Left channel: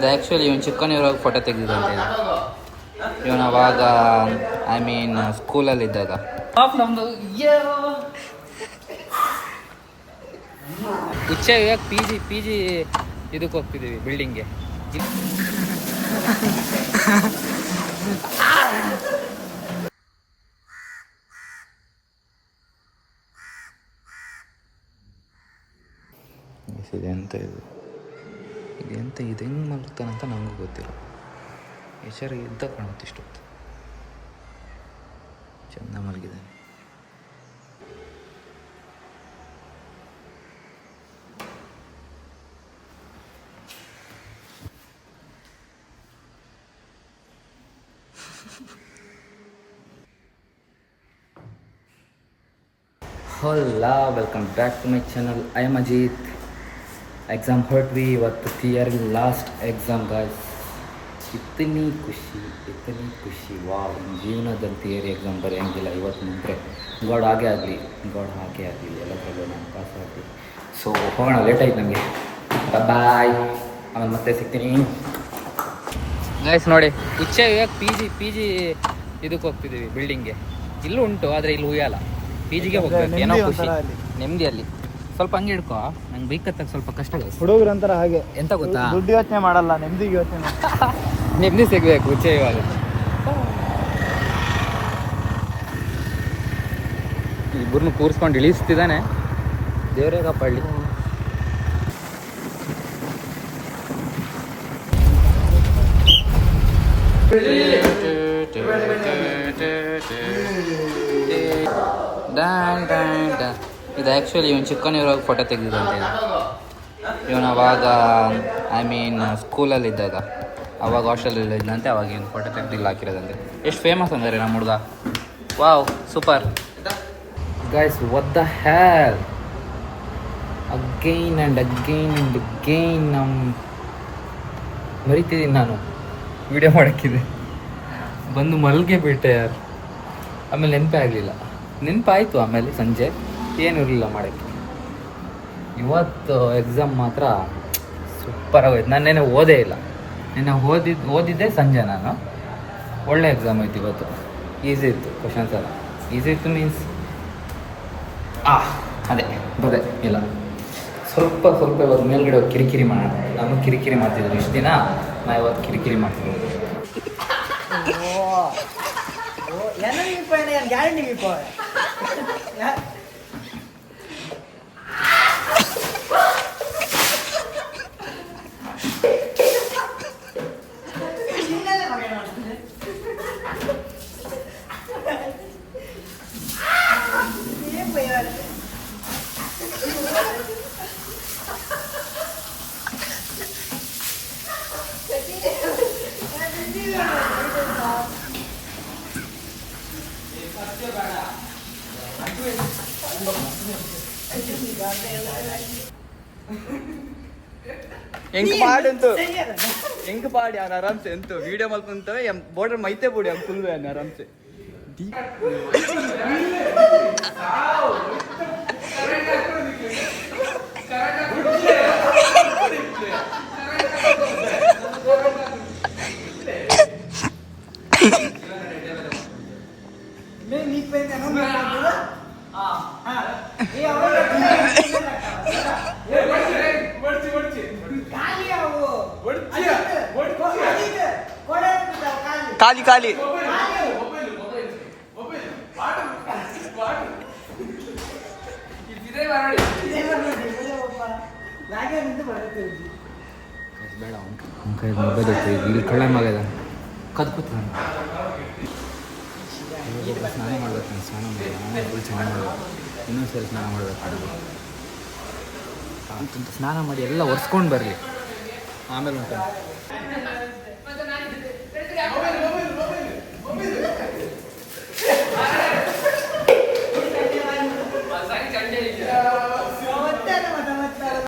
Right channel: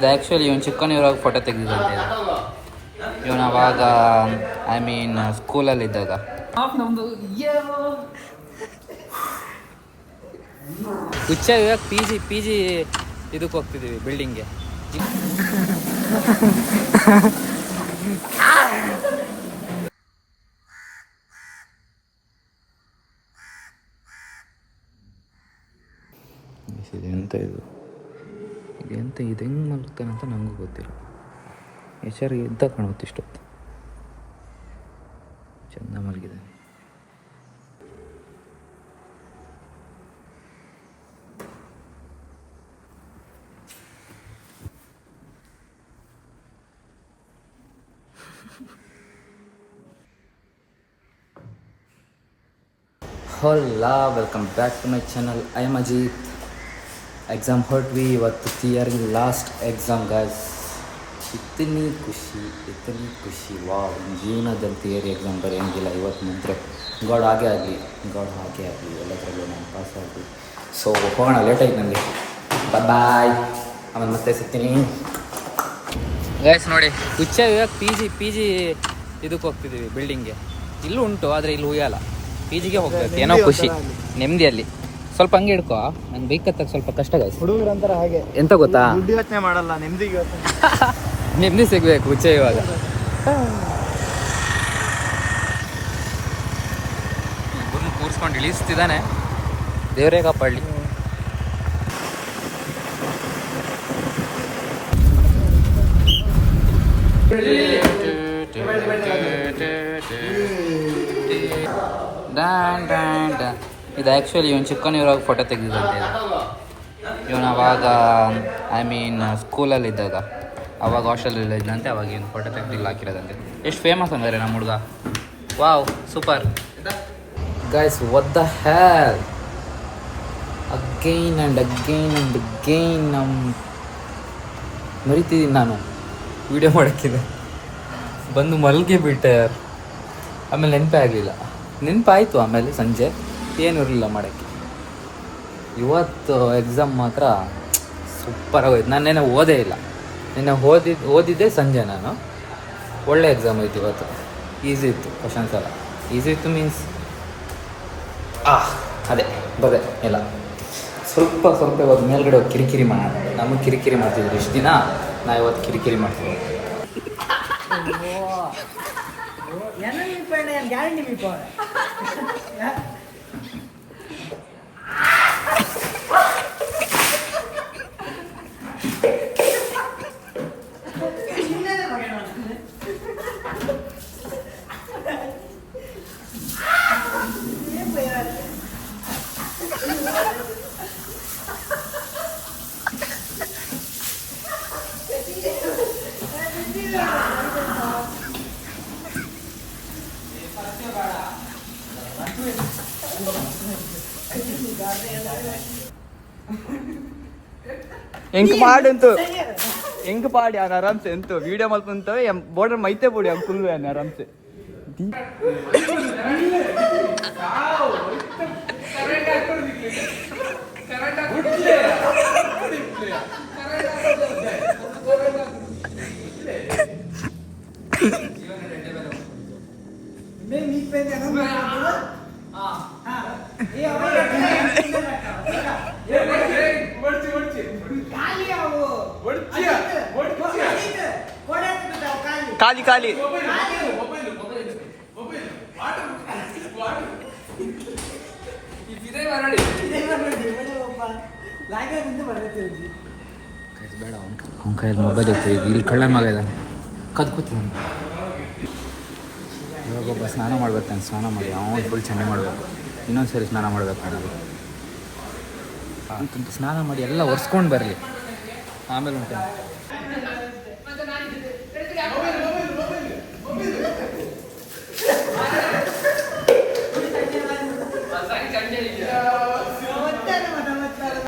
ಇದು ಆ್ಯಕ್ಚುಲಿ ಇವನು ಚಿಕ್ಕವನಿರುವಾಗ ಫೋಟೋ ತೆಗೆದಿದ್ದಂತೆ. ಇವನು ಅವಾಗ ಸ್ಕೂಲಲ್ಲಿದ್ದಾಗ. ಹುಚ್ಚ ಇವಾಗ ಪಿ ಜಿ ಇದಕ್ಕೆ ಹೋಗ್ತಿದ್ದೀವಿ, ಬಿಲ್ಡಿಂಗ್ಗೆ. ಇದೆಂತ ಇದು ಹೆಂಗೆ ಮಲಗ್ತಾನಂತ ನನಗೂ ಗೊತ್ತಿಲ್ಲ. ಎಚ್ಚರಿಗೆ ಇದ್ದ ಕಾಣುತ್ತೆ ಇಷ್ಟೊತ್ತು. ಚೆಂದ ಮಲಗಿದ್ದಾನೆ. Hola, welcome back to my channel. I am Ajit. Exam hurt me. ಇವತ್ತು ಥಿಯರಿ ಲಾಸ್ಟ್ ಎಕ್ಸಾಮ್ ಗಾಯ್ಸ್. ಇತ್ತನಿ ಖುಷಿ ವಾವ್. ಜೀವನದಲ್ಲಿ ಥಿಯರಿ ಎಕ್ಸಾಮ್ ಬರೆಯೋಂಗಿಲ್ಲ. ಇವತ್ತು ಮುಂದೆ ಗಾಡ್ ಹಾಗೆ ಆಗಲಿ ಎಲ್ಲ ಥರ ನಾನು ಪಾಸ್ ಆಗಲಿ. ಸೊ ಹೋಗೋಣ, ಲೇಟ್ ಆಯ್ತು ನನಗೆ. ಬಾಯ್, ಆಮೇಲೆ ಮತ್ತೆ ಸಿಗ್ತೀನಿ ಗಾಯ್ಸ್. ನೋಡಿ, ಹುಚ್ಚ ಇವಾಗ ಪಿ ಜಿ ಇದಕ್ಕೆ ಹೋಗ್ತಿದ್ದೀವಿ, ಬಿಲ್ಡಿಂಗ್ಗೆ. ಇಲ್ಲೂ ಉಂಟು, ಆದರೆ ಇಲ್ಲಿ ಉಯ್ಯಲ್ಲ. ಪಿ ಜಿಗೆ ಹೋಗ್ಬೇಕು, ಏನೋ ಖುಷಿ, ನೆಮ್ಮದಿಯಲ್ಲಿ. ಸ್ವಲ್ಪ ಹಂಗೆ ಹಿಡ್ಕೋ, ನಂಗೆ ಬೈಕ್ ಹತ್ತಕ್ಕೆ ಸ್ವಲ್ಪ ಕಷ್ಟ ಆಯ್ತು. ಹುಡುಗರು ಅಂತಾರೆ ಹಾಗೆ, ಎಂತ ಗೊತ್ತಾ, ದುಡ್ಡು ಯೋಚನೆ ಮಾಡಲ್ಲ, ನೆಮ್ಮದಿಗೆ ಯೋಚನೆ ನೆಮ್ಮದಿ ಸಿಗಬೇಕು. ಹುಚ್ಚ ಇವಾಗ ಇಬ್ಬರನ್ನು ಕೂರಿಸ್ಕೊಂಡು ಇಳಿಸ್ತಿದ್ದಾನೆ. ದೇವರೇ ಕಾಪಾಡಲಿ. ಇದು ಆ್ಯಕ್ಚುಲಿ ಇವನು ಚಿಕ್ಕವನಿರುವಾಗ ಫೋಟೋ ತೆಗೆದಿದ್ದಂತೆ. ಇವನು ಅವಾಗ ಸ್ಕೂಲಲ್ಲಿದ್ದಾಗ, ಅವಾಗ ಹಾಸ್ಟೆಲಲ್ಲಿ ಇದ್ದಂತೆ. ಅವಾಗ ಏನು ಫೋಟೋ ತೆಗೆದಿಲ್ಲ ಹಾಕಿರೋದಂತೆ. ಎಷ್ಟು ಫೇಮಸ್ ಅಂದರೆ ನಮ್ಮ ಹುಡುಗ. Wow, super guys. What the hell, again and again ಮರಿತಿದ್ದೀನಿ ನಾನು ವಿಡಿಯೋ ಮಾಡೋಕ್ಕಿದೆ. ಬಂದು ಮಲ್ಗೆ ಬಿಟ್ಟೆ ಯಾರು. ಆಮೇಲೆ ನೆನಪಾಯಿತು. ಆಮೇಲೆ ಸಂಜೆ ಏನೂ ಇರಲಿಲ್ಲ ಮಾಡೋಕ್ಕೆ. ಇವತ್ತು ಎಕ್ಸಾಮ್ ಮಾತ್ರ ಸೂಪರ್ ಆಗೋಯ್ತು. ನಾನು ನೆನ್ನೆ ಓದೇ ಇಲ್ಲ. ನಿನ್ನೆ ಓದಿದ್ದೆ ಸಂಜೆ ನಾನು. ಒಳ್ಳೆ ಎಕ್ಸಾಮ್ ಆಯ್ತು ಇವತ್ತು. ಈಸಿ ಇತ್ತು, ಕ್ವಶನ್ಸ್ ಎಲ್ಲ ಈಸಿ ಇತ್ತು. ಮೀನ್ಸ್ ಅದೇ ಬರದೆ ಇಲ್ಲ. ಸ್ವಲ್ಪ ಇವತ್ತು ಮೇಲ್ಗಡೆ ಹೋಗಿ ಕಿರಿಕಿರಿ ಮಾಡೋಣ. ನಮಗೆ ಕಿರಿಕಿರಿ ಮಾಡ್ತಿದ್ರು ಇಷ್ಟು ದಿನ, ನಾ ಇವತ್ತು ಕಿರಿಕಿರಿ ಮಾಡ್ತಿದ್ದೆ. ಹೆಂಗ್ ಪಾಡಿ ಅವ್ನು ಆರಾಮ್ಸೆ ಎಂತು ವಿಡಿಯೋ ಮಾಡ್ಕೊಂತ ಬೋರ್ಡರ್ ಮೈತೆ ಬಿಡಿ ಅವ್ನು ಫುಲ್ ಆರಾಮ್ಸೆ. ಖಾಲಿ ಬೇಡ. ಅವ್ನ ಕೈಯಲ್ಲಿ ಮೊಬೈಲ್ ಇತ್ತು. ಇಲ್ಲಿ ಕಳ್ಳ ಮಗ ಇದ್ದಾನೆ, ಕದ್ಕೂತ. ಇವಾಗೊಬ್ಬ ಸ್ನಾನ ಮಾಡ್ಬೇಕು. ನಾನು ಸ್ನಾನ ಮಾಡಿ ಅವನು ಫುಲ್ ಚೆಂಡೆ ಮಾಡಬೇಕು. ಇನ್ನೊಂದು ಸರಿ ಸ್ನಾನ ಮಾಡಬೇಕು ಅನ್ನೋದು. ಅಂತಂತ ಸ್ನಾನ ಮಾಡಿ ಎಲ್ಲ ಒರೆಸ್ಕೊಂಡು ಬರಲಿ, ಆಮೇಲೆ ಉಂಟು.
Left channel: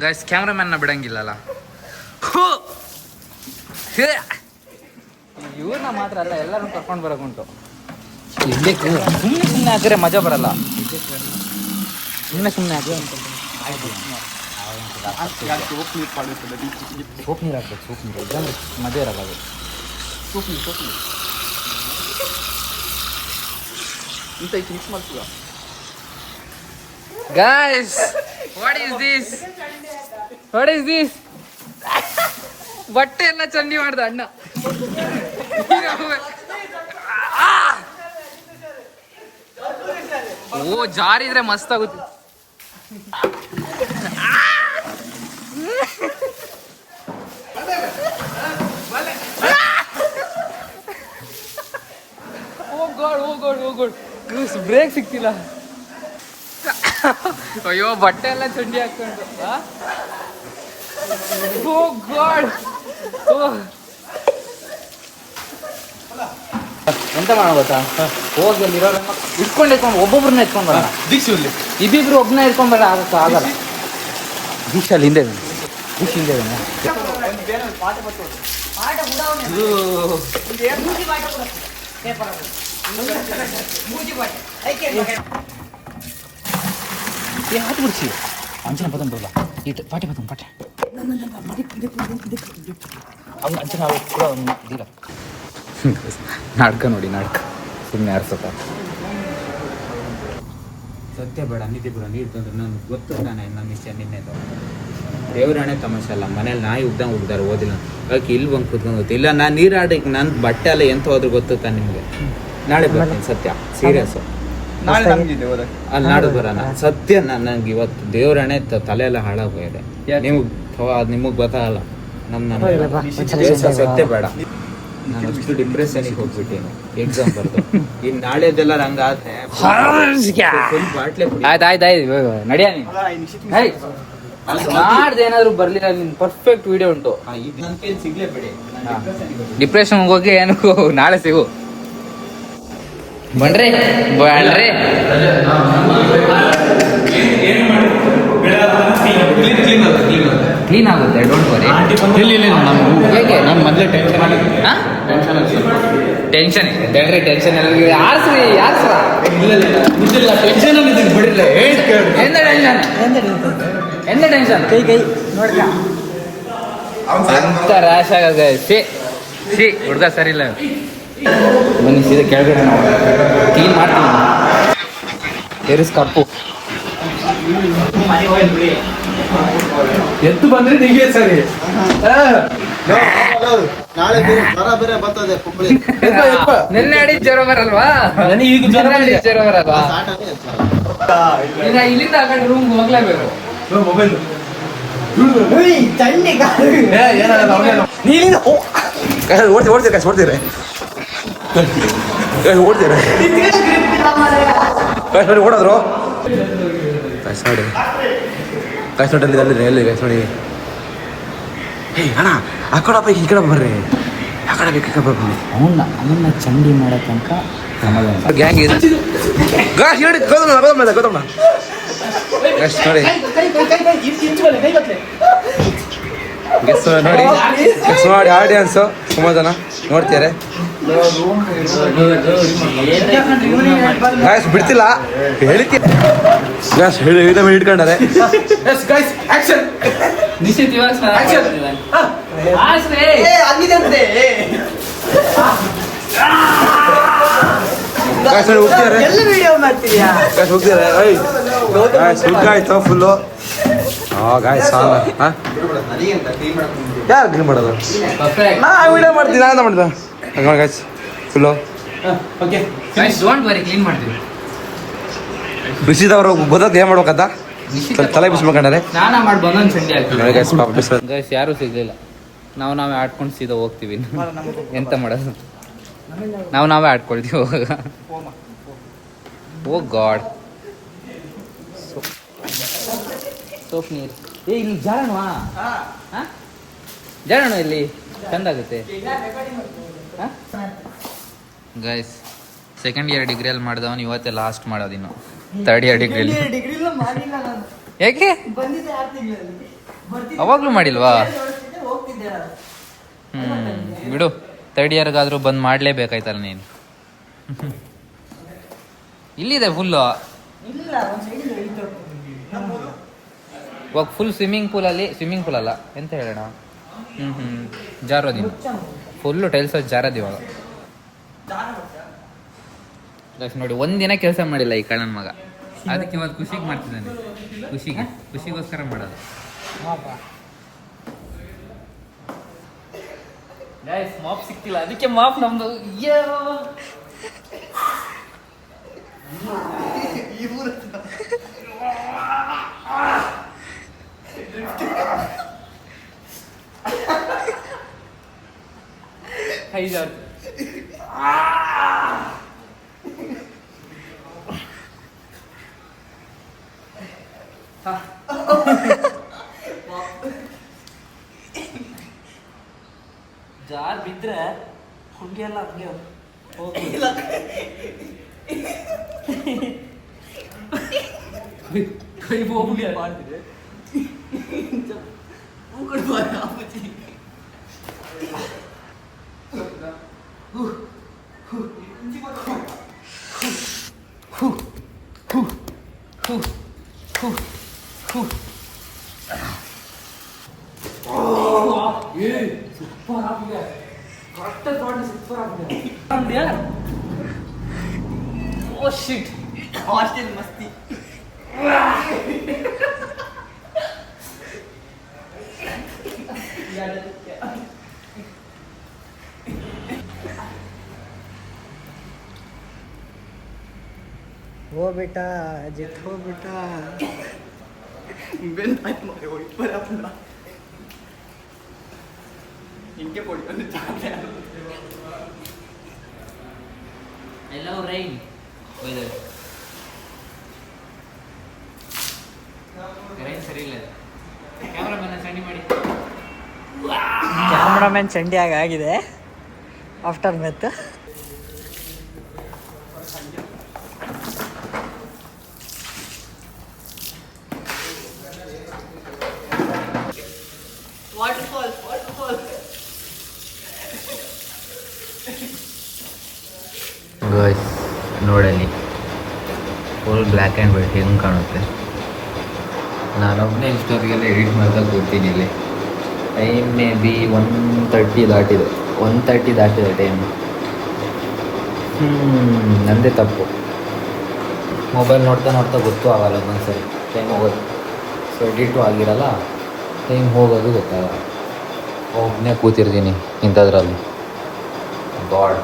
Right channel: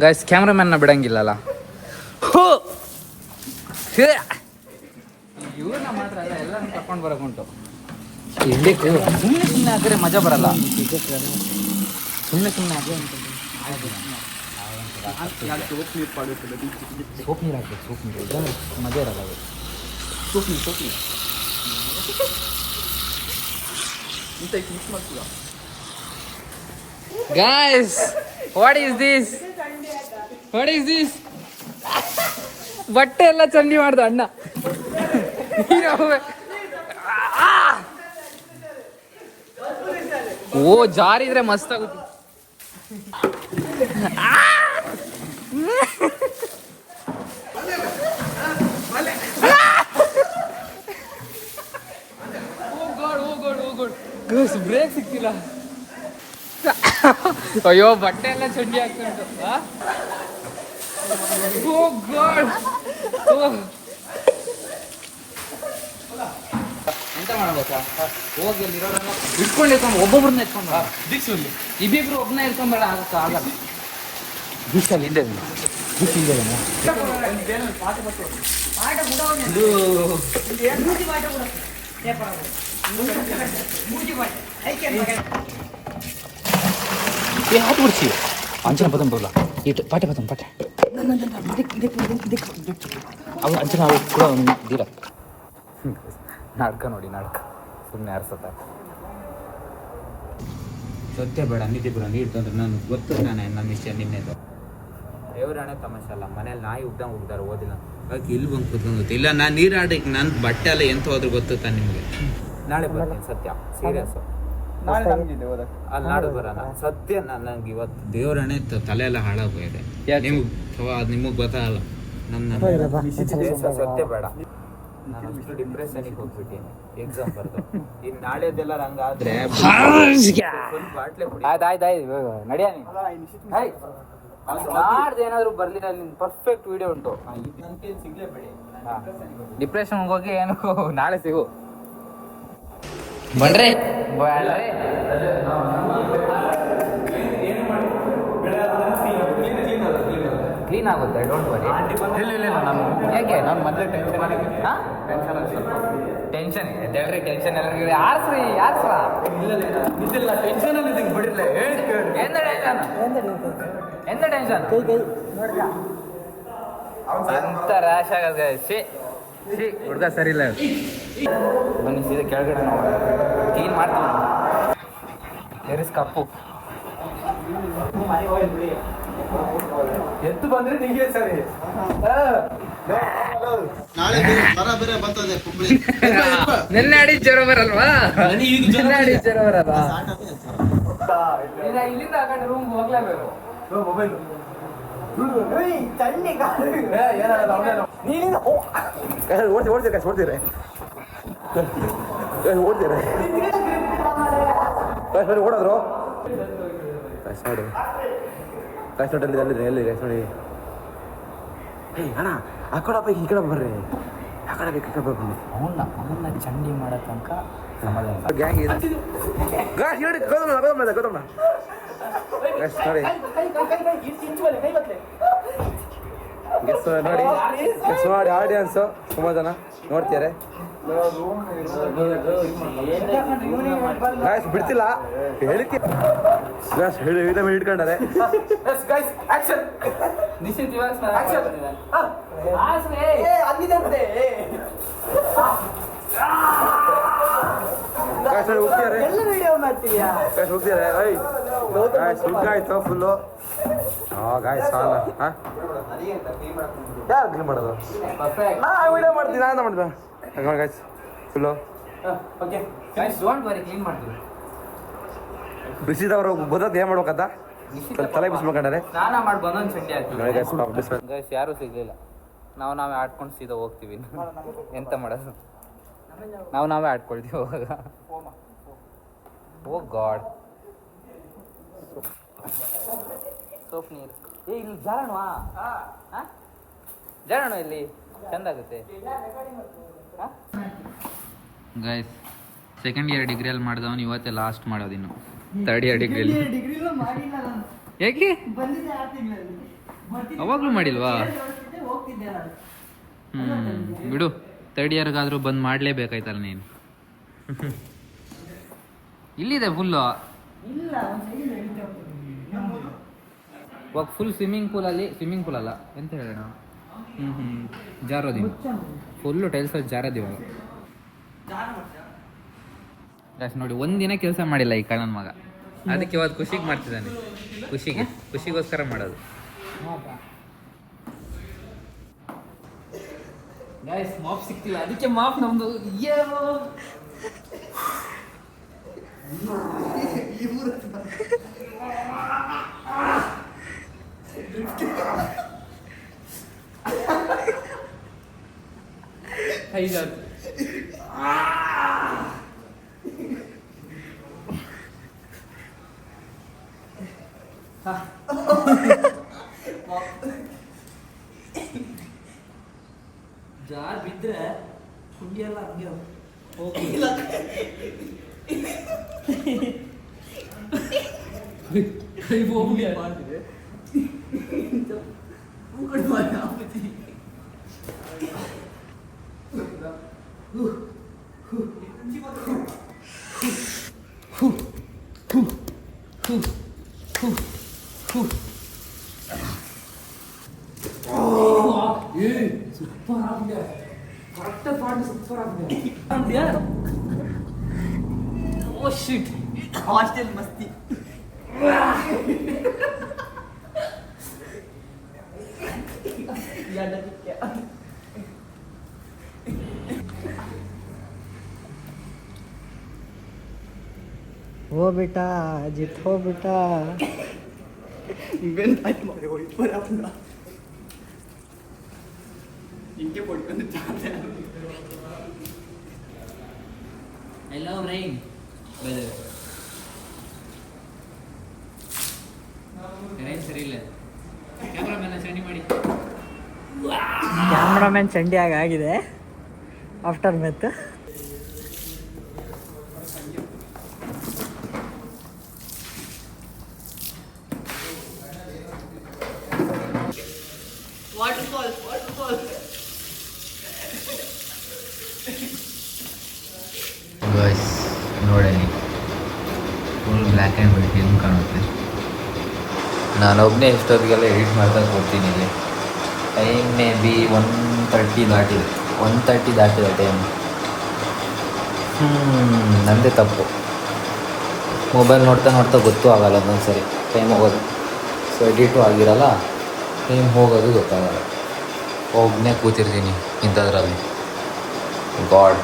ಗೈಸ್, ಕ್ಯಾಮ್ರಾಮನ್ನ ಬಿಡಂಗಿಲ್ಲಲ್ಲ. ಇವ್ರನ್ನ ಮಾತ್ರ ಅಲ್ಲ, ಎಲ್ಲರೂ ಕರ್ಕೊಂಡು ಬರೋಕುಂಟು. ಸುಮ್ಮನೆ ಹಾಕಿದ್ರೆ ಮಜಾ ಬರಲ್ಲ. ಸುಮ್ಮನೆ ಹಾಕಿ ಸೋಪ್ ನೀರು ಹಾಕ್ಬೇಕು, ಸೋಪ್ ನೀರು ಇಲ್ಲಾಂದ್ರೆ ಮದುವೆ ಇರಲ್ಲ ಅದು. ಸೋಪ್ ನೀರು ಮಿಕ್ಸ್ ಮಾಡ್ತೀಯ. Guys, what is this? What is this? ಬಟ್ಟೆ ಎಲ್ಲ ಚಂಡಿ ಮಾಡ್ದ ಅಣ್ಣ. ಓ ಜಾರಿದ್ರೆ ಮಸ್ತ್ ಆಗುತ್ತೆ. ಬ್ರೇಕ್ ಸಿಕ್ತಿಲ್ಲ. ಅಯ್ಯೋ ಬಟ್ಟೆ ಎಲ್ಲ ಚಂಡಿ ಹಾಕೊಂಡು. ಓ ಗಾಡ್, ಎಂತ ಮಾಡ್ಬೋದಾ? ಹೋಗಿ ಅಲ್ಲಿ ಇರೋರೆಲ್ಲ ಇಟ್ಕೊಂಡು ಒಬ್ಬೊಬ್ರನ್ನ ಎತ್ಕೊಂಡ್ ಬರೋಣ. ಇಬ್ಬಿಬ್ರು ಒಬ್ಬನೇ ಎತ್ಕೊಂಡ್ಬೇಡ, ಆಗಕ್ಕ ಆಗಲ್ಲ. ದೀಕ್ಷಲ್ಲಿ ಹಿಂದೆ ದೀಕ್ಷ ಹಿಂದೆ हाथ बिड़सी अंचना पदम बोला पाटे पदम पाटे अंचना दीरा नाटक नोड़ी नाटक सुम्ने आर्सप्ಪ. ಸತ್ಯ ಬೇಡ, ನಿದ್ದೆ ಬೇಡ, ನೀರು ತಂದ್ರೆ ನಾನು ಗೊತ್ತು. ನನ್ನ ವಿಷಯ ನಿನ್ನೆದು ದೇವರಾಣೆ ತಮಾಷೆ ಅಲ್ಲ. ಮನೇಲಿ ನಾಯಿ ಉಗ್ದಾರೆ ಓದಿಲ್ಲ ಅದಕ್ಕೆ ಇಲ್ಲಿ ಬಂದು ಕುತ್ಕೊಂಡು ಗೊತ್ತು. ಇಲ್ಲ ನಾನು ನೀರು ಆಡಕ್ಕೆ ನನ್ನ ಬಟ್ಟೆ ಎಲ್ಲ ಎಂತ ಹೋದ್ರೆ ಗೊತ್ತಾ ನಿಮಗೆ. ನಾಳೆ ಬರ್ತೀನಿ ಸತ್ಯ, ಸೀರಿಯಸ್. ಅಲ್ಲಿ ನಾಡು ಬರೋಣ ಸತ್ಯ. ನನಗೆ ಇವತ್ತು ದೇವರಣೆ ತಲೆ ಎಲ್ಲ ಹಾಳಾಗೋಗಿದೆ. ನಿಮಗೆ ಗೊತ್ತಾಗಲ್ಲ. ಸತ್ಯ ಬೇಡ, ನಾನು ಅಷ್ಟು ಡಿಪ್ರೆಷನಿಗೆ ಹೋಗ್ಬಿಟ್ಟೇನು ಎಕ್ಸಾಮ್ ಬರ್ದು. ಇನ್ನು ನಾಳೆದೆಲ್ಲ ಹಂಗಾದ್ರೆ ನಡಿಯ ಮಾಡ್ದೆ ಏನಾದ್ರು ಬರ್ಲಿಲ್ಲ. ನಿನ್ ಪರ್ಫೆಕ್ಟ್ ವಿಡಿಯೋ ಉಂಟು. ಡಿಪ್ರೆಷನ್ ಹೋಗಿ ಏನು ನಾಳೆ ಸಿಗು. ಬನ್ರಿ ಬನ್ರಿ. ಕ್ಲೀನ್ ಆಗುತ್ತೆ, ಡೋಂಟ್ ವರಿ. ಹೇಗೆ ನಮ್ಮ ಮೊದಲೇ ಟೆನ್ಷನ್ ಇದೆ. ಟೆನ್ಷನ್ ಯಾರ್ಸ್ರಿ ಯಾರ್ಸ್ರ ಟೆನ್ಷನ್ ಬಿಡ್ರಿ. ಎಂತ ಟೆನ್ಷನ್ ಎಂತ ಟೆನ್ಷನ್ ಕೈ ನೋಡ್ಕ ಅಂತ ರ್ಯಾಶ್ ಆಗೋದು. ಸಿ ಹುಡುಗ ಸರಿ ಇಲ್ಲ. ಬನ್ನಿ ಸೀದಾ ಕೆಳಗಡೆ ಕ್ಲೀನ್ ಮಾಡ್ತೀನಿ. ಎರಿಸ್ ಕಪ್ಪು ಎತ್ತು ಬಂದ್ರೆ ನಿಮಗೆ ಸರಿ. ನಿನ್ನೆ ಅಡಿ ಜ್ವರ ಬರಲ್ವಾ? ಈಗ ಜ್ವರ ಬರಲ್ವಾ? ಈಗ ಇಲ್ಲಿಂದ ಆ ಕಡೆ ರೂಮ್ ಹೋಗ್ಲೇಬೇಕು. ಮೊಬೈಲ್ ಓಡ್ತೀರ ಓಡೋದ್ರು ಕಾಯ್ಸೋಟಲ್ಲಿ ಎಲ್ಲಿ ಕಾಯ್ಸೋಡಿ. ಅಣ್ಣ ಆ ಕಡೆ ಈ ಕಡೆ ಬರ್ರಿ, ಆ ಕಡೆ ಬೇಕು ಬರ್ರಿ. ಅವನ್ನ ಚಂಡಿ ಮಾಡೋ ತನಕ ಗ್ಯಾಂಗ್ ಇದೆ. ಗಾಸ್ ಹೇಳಿ ಗೌತಮ ಗೌತಮ ಗಾಸ್ ನೋಡಿ ಗೆಸ್ ನೋಡಿ ಗೆಸ್ ಮಾಡಿ ಆಡಿಯನ್ಸು ಸುಮಾರು ಜನ ನೋಡ್ತಾರೆ. ಗಾಯ್ಸ್ ಬಿಡ್ತಿಲ್ಲ ಹೇಳಿತೀನಿ. ಗಾಯ್ಸ್ ಹೇಳಿ ಇಟ್ಕೊಂಡಾರೆ. ಗಾಯ್ಸ್ ಹೋಗ್ತಿದ್ದಾರೆ ಗಾಯ್ಸ್ ಹೋಗ್ತಿದ್ದಾರೆ. ಗಾಯ್ಸ್ ಹುಡ್ಗ ಆಯ್ತು ಫುಲ್ಲು. ಗಾಯ್ಸ್ ಸಾಂಗ್ ಯಾರು ಕ್ಲೀನ್ ಮಾಡೋದು? ನಾ ವಿಡಿಯೋ ಮಾಡ್ತೀನಿ, ನಾನು ಮಾಡ್ದೆ ಹಂಗ ಗಾಯ್ಸ್ ಫುಲ್ಲು. ಬಿಸಿದವರು ಬದಕ್ ಏನ್ ಮಾಡ್ಬೇಕಂತ ತಲೆ ಬಿಸ್ಬೇಕಂಡ್ರೆ ಸ್ನಾನ ಮಾಡಿ ಬಂದೊಂದು ಚಂಡಿ ಆಗ್ತೀವಿ. ಗೈಸ್ ಯಾರೂ ಸಿಗ್ಲಿಲ್ಲ. ನಾವೇ ಆಡ್ಕೊಂಡು ಸೀದಾ ಹೋಗ್ತೀವಿ. ಎಂತ ಮಾಡೋದು, ನಾವೇ ಆಡ್ಕೊಳ್ತೀವಿ ಹೋಗ. ಓ ಗಾಡ್. ಸೋಪ್ ನೀರು ಇಲ್ಲಿ ಜಾರಣ್ವಾ? ಜಾರಣ ಇಲ್ಲಿ ಚಂದ ಆಗುತ್ತೆ. ಗೈಸ್ ಸೆಕೆಂಡ್ ಇಯರ್ ಡಿಗ್ರಿಯಲ್ಲಿ ಮಾಡಿದವನು ಇವತ್ತೇ ಲಾಸ್ಟ್ ಮಾಡೋದಿನ್ನು ಥರ್ಡ್ ಇಯರ್ ಡಿಗ್ರಿಯಲ್ಲಿ. ಯಾಕೆ ಅವಾಗ್ಲೂ ಮಾಡಿಲ್ವಾ? ಬಿಡು, ಥರ್ಡ್ ಇಯರ್ಗಾದ್ರೂ ಬಂದು ಮಾಡಲೇಬೇಕಾಯ್ತಲ್ಲ ನೀನು. ಇಲ್ಲಿದೆ ಫುಲ್ಲು. ಇವಾಗ ಫುಲ್ ಸ್ವಿಮ್ಮಿಂಗ್ ಪೂಲ್ ಅಲ್ಲ ಎಂತ ಹೇಳೋಣ ಜಾರೋದಿನ ಫುಲ್ಲು ಟೈಲ್ಸ್ ಜಾರೋದು ಇವಾಗ ನೋಡಿ ಒಂದಿನ ಕೆಲಸ ಮಾಡಿಲ್ಲ ಈ ಕಳ್ಳನ ಮಗ, ಅದಕ್ಕೆ ಇವತ್ತು ಖುಷಿಗೆ ಮಾಡ್ತಿದ್ದಾನೆ, ಖುಷಿಗೋಸ್ಕರ ಮಾಡೋದು. ಗೈಸ್ ಮಾಪ್ ಸಿಕ್ತಿಲ್ಲ, ಅದಕ್ಕೆ ಮಾಪ್ ನಮ್ದು ಜಾರ್ ಬಿದ್ರೆ ಹುಂಡಿ ಎಲ್ಲ ಹಂಗೆ ಹೋಗಿಲ್ಲ. ಕೈ ಹೋಗಿ ಮಾಡ್ತಿದೆ ಸೂಪರ್ ಆಗಿದೆ, ಕರೆಕ್ಟ್ ತಗೊಂಡು ಸೂಪರ್ ಆಗಿದೆ. ಓ ಶಿಟ್, ಹಾಸ್ಟೆಲ್ ಮಸ್ತಿ. हो बेटा जित हो बेटा I love rain weather. rain ಸರಿ ಇಲ್ಲ, ಕ್ಯಾಮ್ರಾಮನ್ ಚಂಡಿ ಮಾಡಿ. ಕ್ಯಾಮ್ರಾಮನ್ ಚಂಡಿ ಆಗಿದೆ ಆಫ್ಟರ್ ಮೆತ್. ಗಾಯ್ಸ್ ನೋಡಲಿ ಫುಲ್ ಬ್ಲ್ಯಾಕ್ ಆ್ಯಂಡ್ ವೈಟ್ ಹೆಂಗೆ ಕಾಣುತ್ತೆ. ನಾನೊಬ್ಬನೇ ಇಷ್ಟೊತ್ತಿಗೆಲ್ಲ ಎಡಿಟ್ ಮಾಡಿದಾಗ ಕೂತಿದ್ದೀವಿ. ಟೈಮ್ ಮೇ ಬಿ 1:30 ದಾಟಿದೆ, 1:30 ದಾಟಿದೆ ಟೈಮ್. ನಂದೇ ತಪ್ಪು, ಮೊಬೈಲ್ ನೋಡ್ತಾ ಗೊತ್ತೂ ಆಗಲ್ಲ ಒಂದೊಂದ್ಸರಿ ಟೈಮ್ ಹೋಗೋದು. ಸೊ ಎಡಿಟು ಆಗಿರಲ್ಲ, ಟೈಮ್ ಹೋಗೋದು ಗೊತ್ತಾಗಲ್ಲ. ಒಬ್ಬನೇ ಕೂತಿರ್ತೀನಿ ಇಂಥದ್ರಲ್ಲಿ. God.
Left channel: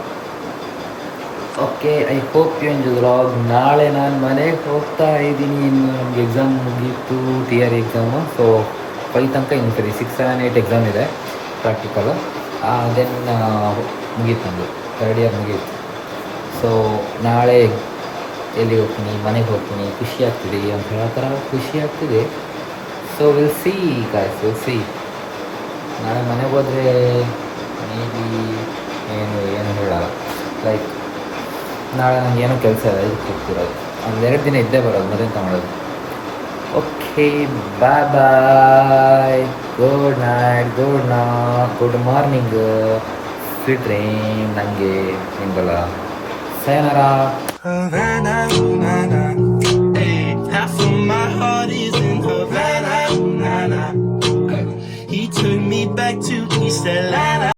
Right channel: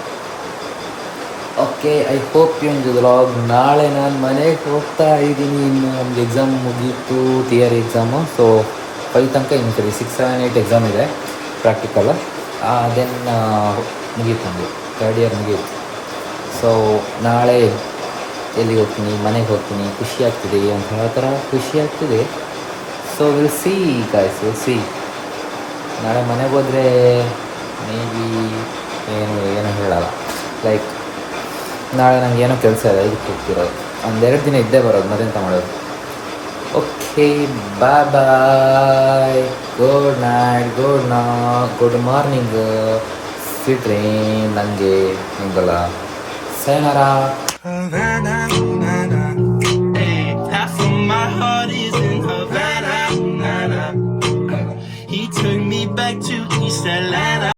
Okay, I hope you enjoy the vlog. ನಾಳೆ ನಾನು ಮನೆಗೆ ಹೋಗ್ತಾ ಇದ್ದೀನಿ. ಇನ್ನು ನಮಗೆ ಎಕ್ಸಾಮ್ ಮುಗೀತು, ಥಿಯರಿ ಎಕ್ಸಾಮು. ಸೊ 5 ತನಕ ಇನ್ನು ಸರಿ 6, 7, 8 ಎಕ್ಸಾಮ್ ಇದೆ ಪ್ರಾಕ್ಟಿಕಲು. ದೆನ್ ಮುಗೀತು, ನಮಗೆ 3rd ಇಯರ್ ಮುಗೀತು. ಸೊ ನಾಳೆ ಎಲ್ಲಿ ಹೋಗ್ತೀನಿ, ಮನೆಗೆ ಹೋಗ್ತೀನಿ. ಖುಷಿ ಆಗ್ತಿದೆ ಅಂತ ಹೇಳ್ತಾರ, ಖುಷಿ ಆಗ್ತಿದೆ. So will see guys, will see. ನಾಳೆ ಮನೆಗೆ ಹೋದರೆ ಮೇ ಬಿ ಏನು ಹೇಳಲ್ಲ. ಲೈಕ್ ನಾಳೆ ನನಗೆ ಏನೋ ಕೆಲಸ ಇದೆ, ಇದಕ್ಕೆ ಹೋಗ್ತಿರೋದು. 1-2 ದಿನ ಇದ್ದೇ ಬರೋದು, ಮತ್ತೆಂತ ಮಾಡೋದು. Okay, bye, good night, good morning, sweet dream. ನನಗೆ ನಿಂಗಲ್ಲ sayonara. Half of my heart is in Havana. He took me back to East Atlanta.